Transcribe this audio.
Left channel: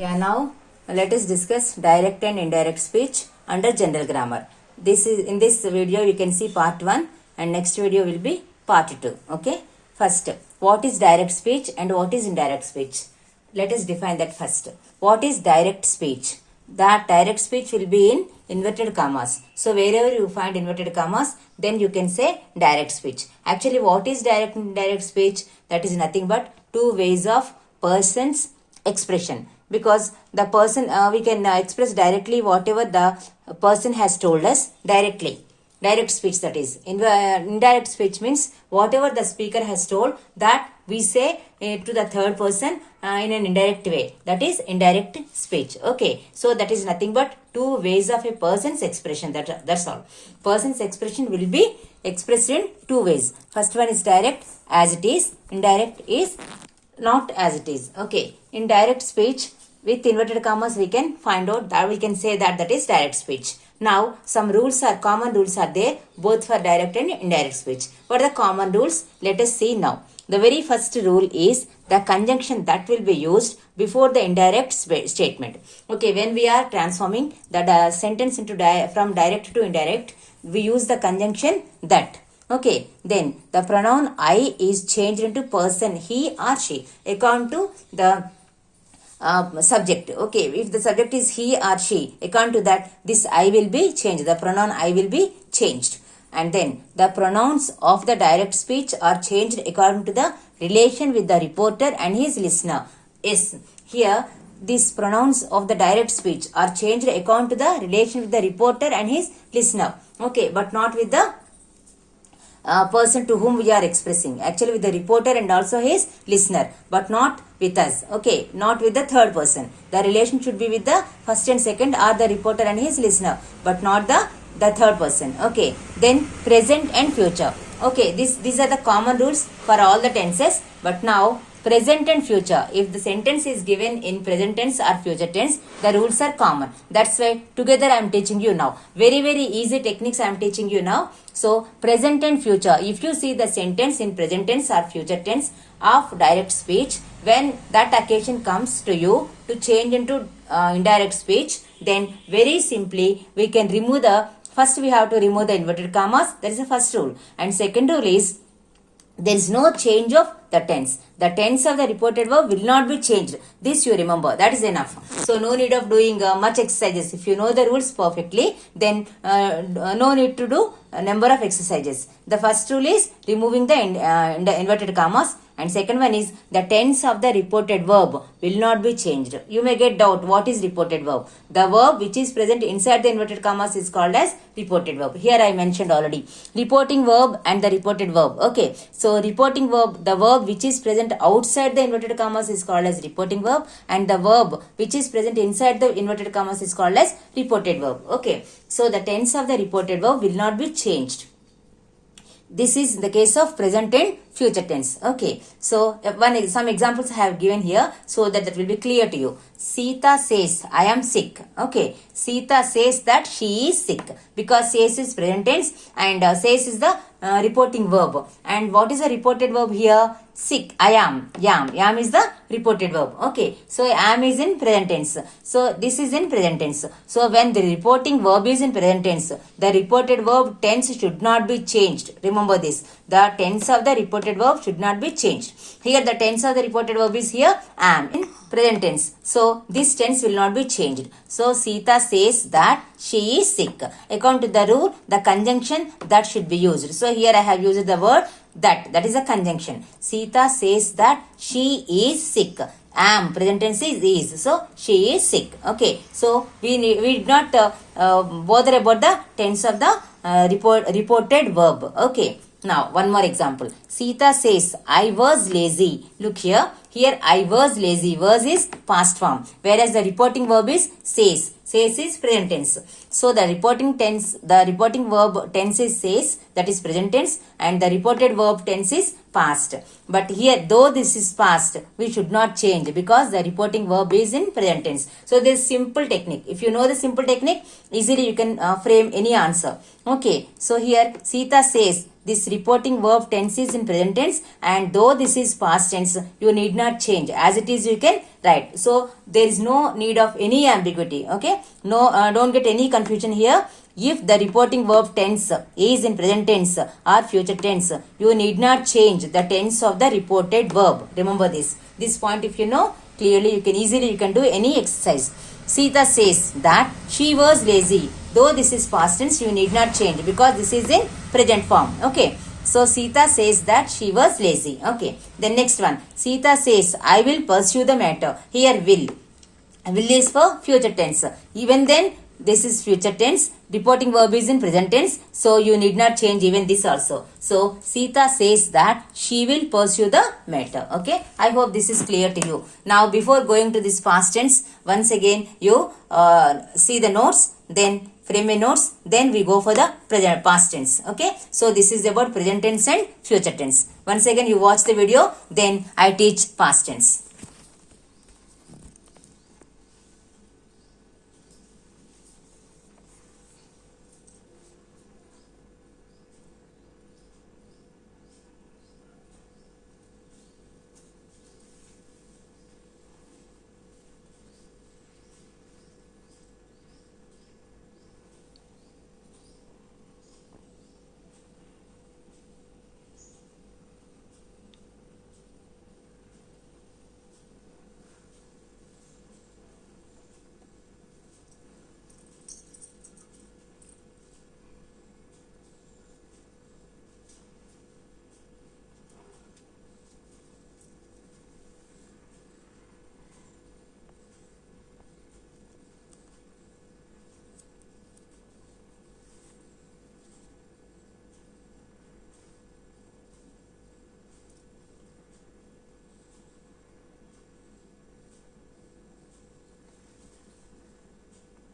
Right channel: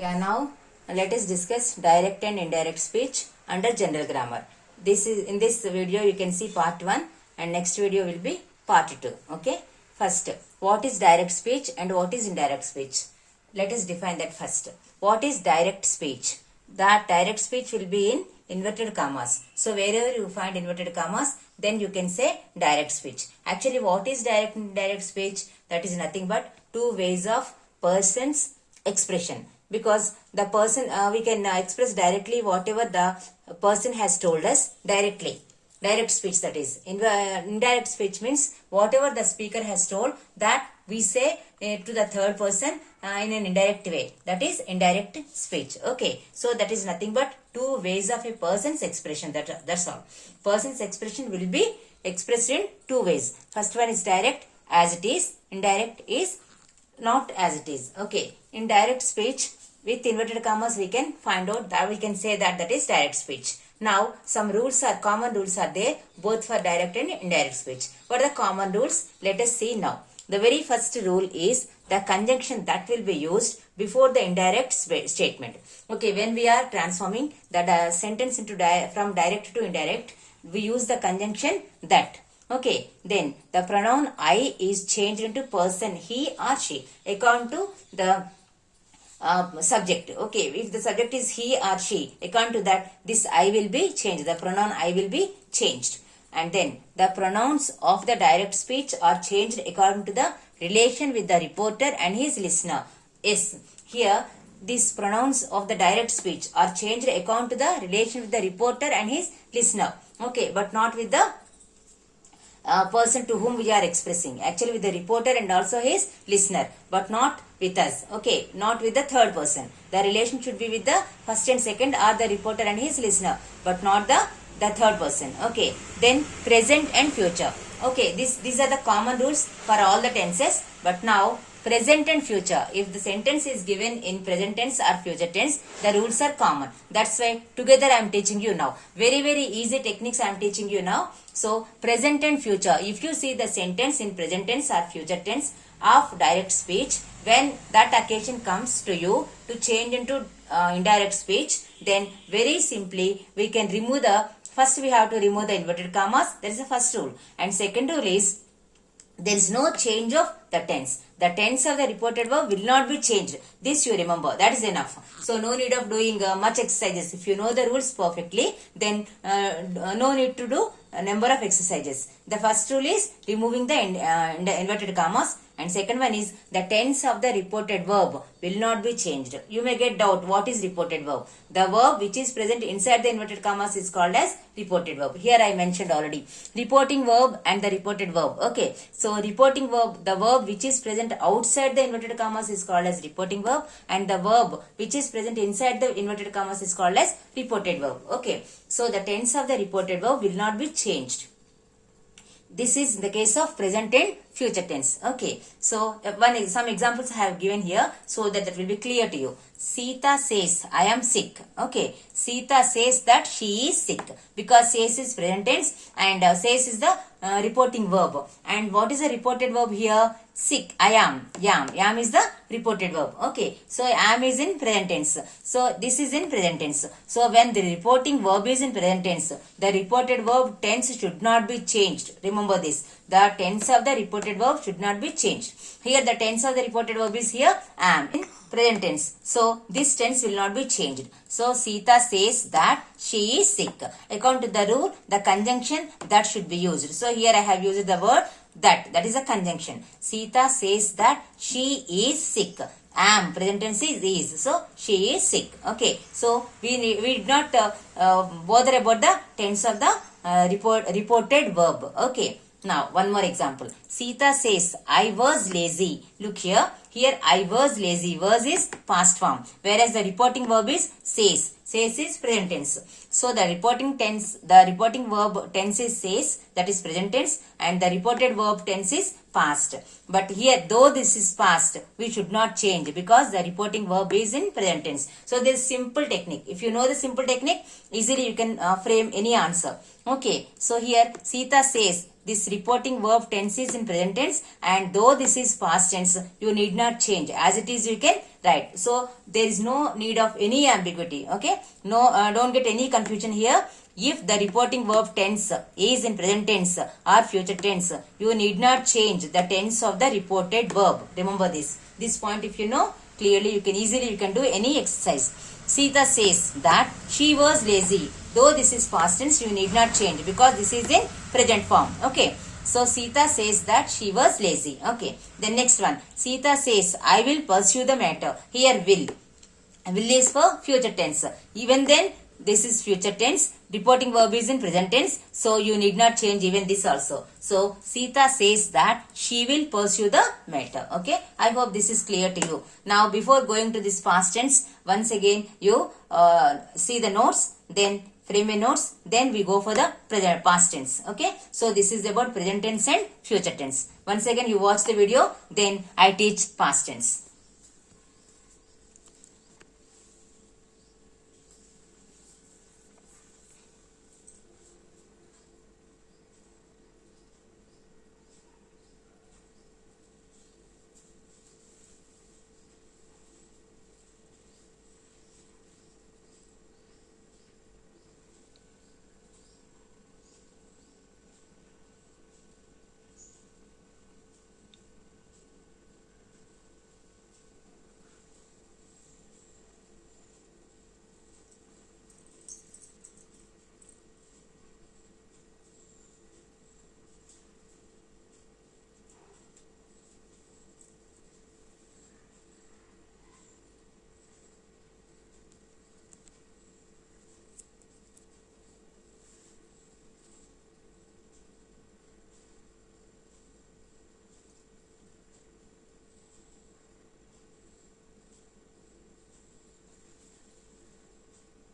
Yeah, now let us discuss direct and indirect speech under general grammar. This is in this video you can see part 1 and next video will be part 2. Okay. First, what is direct speech and what is indirect speech? Let us define that first. What is direct speech? That direct speech will be in inverted commas. So wherever you find inverted commas, then you can say direct speech. Actually, what is direct and indirect speech? That is nothing but two ways of person's expression, because the person we can express directly whatever the person has told us directly. Direct speech, that is. Indirect speech means whatever the speaker has told, that we say to the third person in an indirect way. That is indirect speech. Okay. So that is nothing but two ways of a person's expression. That's all. Person's expression will be expressed in two ways. First one is direct, as it is. Indirect is not as it is. Okay. In direct speech, with inverted commas, we can find out that we can say that is direct speech. Now, some common rules are there, both for direct and indirect speech. What are the common rules? Let us see now. The very first rule is the conjunction that will be used before the indirect statement. Okay, when we are transforming the sentence into from direct to indirect, we use the conjunction that. Okay, then the pronoun I is changed into person, he or she, according to the subject. Okay, if the subject is he or she, according to that, this I will be changed. The pronoun I will be changed. And then the pronouns of the direct speech are changed according to the relation with the reporter and his listener. Yes, here these pronouns of the direct speech are changed according to the relation with the reporter and his listener. Okay, but not with the person to whom we are expressing. Actually with the reporter and also his listener, but not with us. Okay, not with the third person. The relation should be with the first and second, or the reporter and his listener, but not the third person. Okay, then present and future. Okay, these are the common rules for all the tenses. But now present and future, if the sentence is given in present tense or future tense, the rules are common. That's why together I am teaching you now. Very easy techniques I am teaching you now. So present and future, if you see the sentence in present tense or future tense of direct speech, when that occasion comes to you to change into indirect speech, then very simply we can remove first we have to remove the inverted commas. That is the first rule. And second rule is, there is no change of the tense. The tense of the reported verb will not be changed. This you remember. That is enough. So no need of doing much exercises. If you know the rules perfectly, then no need to do a number of exercises. The first rule is removing the inverted commas. And second one is the tense of the reported verb will not be changed. You may get doubt, what is reported verb? The verb which is present inside the inverted commas is called as reported verb. Here I mentioned already. Reporting verb and the reported verb. Okay. So reporting verb, the verb which is present outside the inverted commas is called as reporting verb, and the verb which is present inside the inverted commas is called as reported verb. Okay. So the tense of the reported verb will not be changed. This is the case of present and future tense. Okay. So some examples I have given here so that will be clear to you. Sita says, I am sick. Okay. Sita says that she is sick, because says is present tense and says is the reporting verb. And what is the reported verb here? Sick. I am. Yam. Yam is the reported verb. Okay. So am is in present tense. So this is in present tense. So when the reporting verb is in present tense, the reported verb tense should not be changed. Remember this. The tense of the reported verb should not be changed. Here the tense of the reported verb is here am in present tense. So this tense will not be changed. So Sita says that she is sick. According to the rule, the conjunction that should be used. So here I have used the word that. That is a conjunction. Sita says that she is sick. Am, present tense is. So she is sick. Okay. So we did not bother about the tense of the reported verb. Okay. Now, one more example. Sita says, I was lazy. Look here. Here, I was lazy. Was is past form. Whereas the reporting verb is says. Says is present tense. So, the reporting verb tense is says. That is present tense. And the reported verb tense is past. But here, though this is past, we should not change because the reporting verb is in present tense. So there is simple technique. If you know the simple technique, easily you can frame any answer. Okay. So here Sita says this reporting verb tense is in present tense, and though this is past tense, you need not change. As it is, you can write. So there is no need of any ambiguity. Okay. No, don't get any confusion here. If the reporting verb tense is in present tense or future tense, you need not change the tense of the reported verb. Remember this. This point, if you know clearly, you can do any exercise. Sita says that she was lazy. Though this is past tense, you need not change because this is in present form. Okay. So Sita says that she was lazy. Okay. The next one. Sita says, I will pursue the matter. Here will. Will is for future tense. Even then, this is future tense. Reporting verb is in present tense. So you need not change even this also. So Sita says that she will pursue the matter. Okay. I hope this is clear to you. Now before going to this past tense, once again you see the notes. Then frame a notes. Then we go for the present past tense. Okay. So this is about present tense and future tense. Once again you watch the video. Then I teach past tense.